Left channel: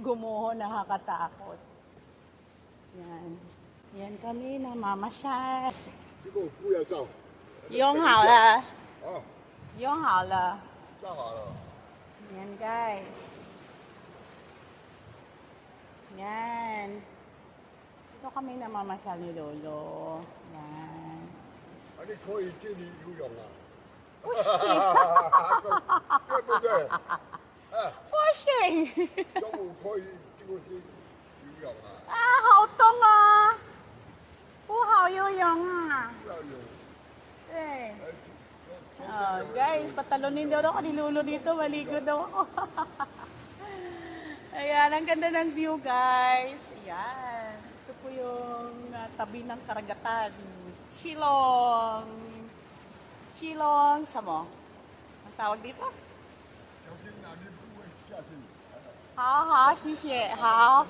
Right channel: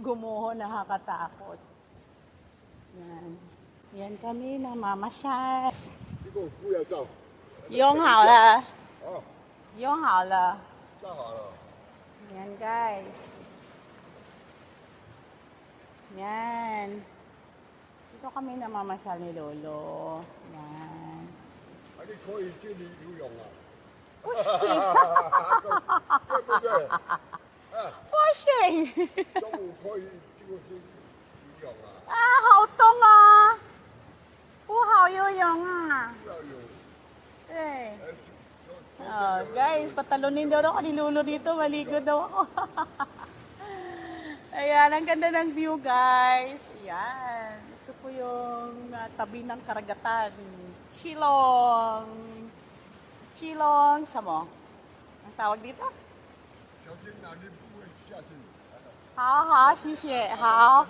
Gumuho, nakakatakot. Yan. Yan kami namamasyal. Yung hala. Yung hala. Yan guys. Yan. Ito kami namamasyal ni Lolo. Yan. Fishing! 好冻啊！不好游泳啊！对。Guys, patalunin daw ako ni Lolo dito. Maligo daw ako. Ayan, ang ganda ng view guys. Ayan. Ito po yung tabi ng karagatan. Chilong. Chilong. Samo? Ang tawag dito? Hao, xie. Hao.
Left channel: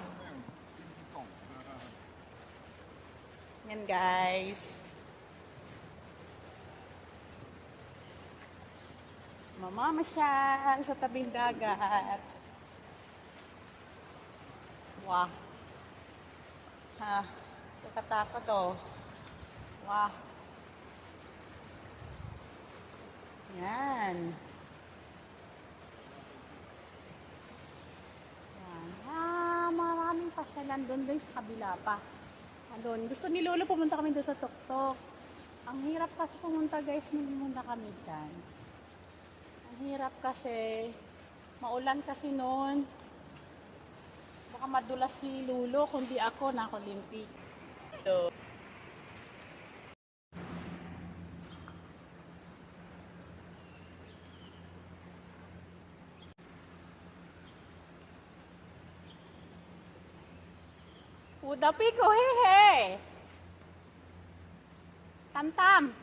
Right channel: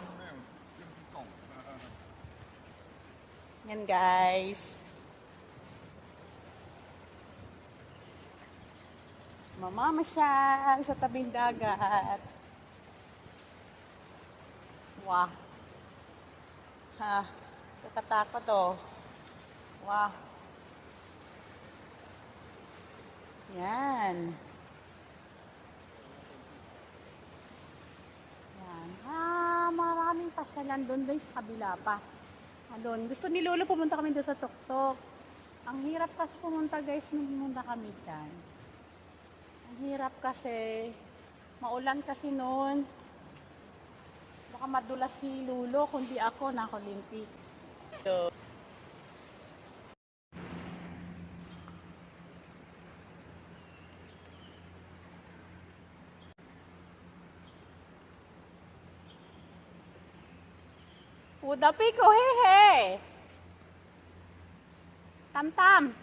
Yan guys. Mamamasyal sa tabing dagat. Wow. Ha, kakatakot oh. Wow. Yan. Maraming pasyalan doon guys, sa kabila pa. Doon. Gusto ni Lolo pumunta kami doon sa tuktok. Ang hirap kasi pumunta guys, pumunta kami dyan. Ang hirap kasi, maulan kasi noon. Baka madulas si Lolo, kundi ako nakulimpi. So, Udapi ko hehe. Tam-tam.